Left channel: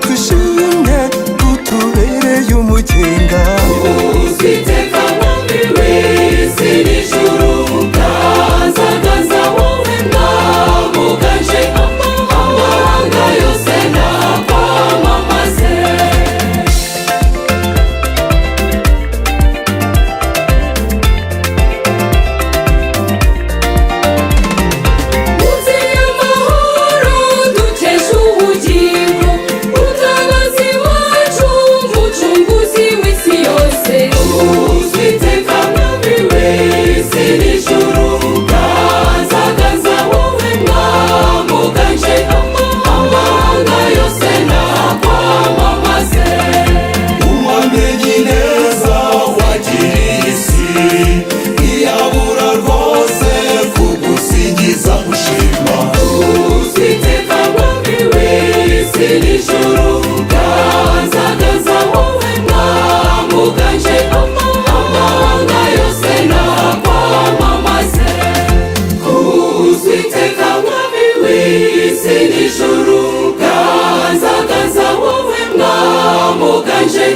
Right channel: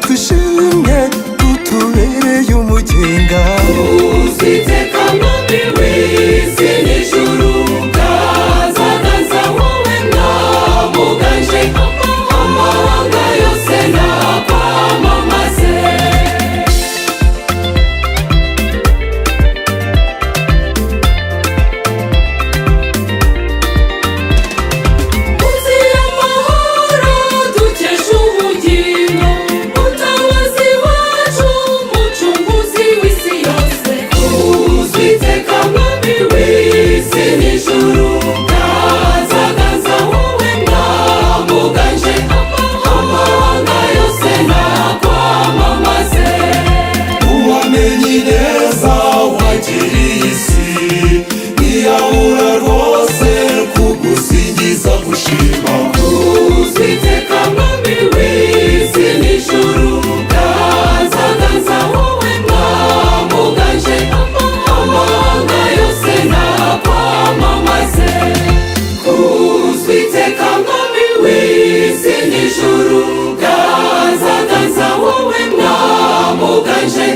twishimye tutubereye umugenga. Uziteka mwami w'isi n'ijuru, kazaganza wowe mwamuganje, amahanga yose nakwamamaze. Muzi y'amahoro dukesha ubugingo, mutabazi wacu, mucunguzi w'isi yose. Uziteka mwami w'isi n'ijuru, kazaganza wowe mwamuganje, amahanga yose nakwamamaze. Uwamenye neza wagiriye isi, ntiyabura rwose kugusingiza gushima. Uziteka mwami w'isi n'ijuru, kazaganza wowe mwamuganje, amahanga yose nakwamamaze. Uziteka mwami w'isi n'ijuru, kazaganza wowe mwamuganje,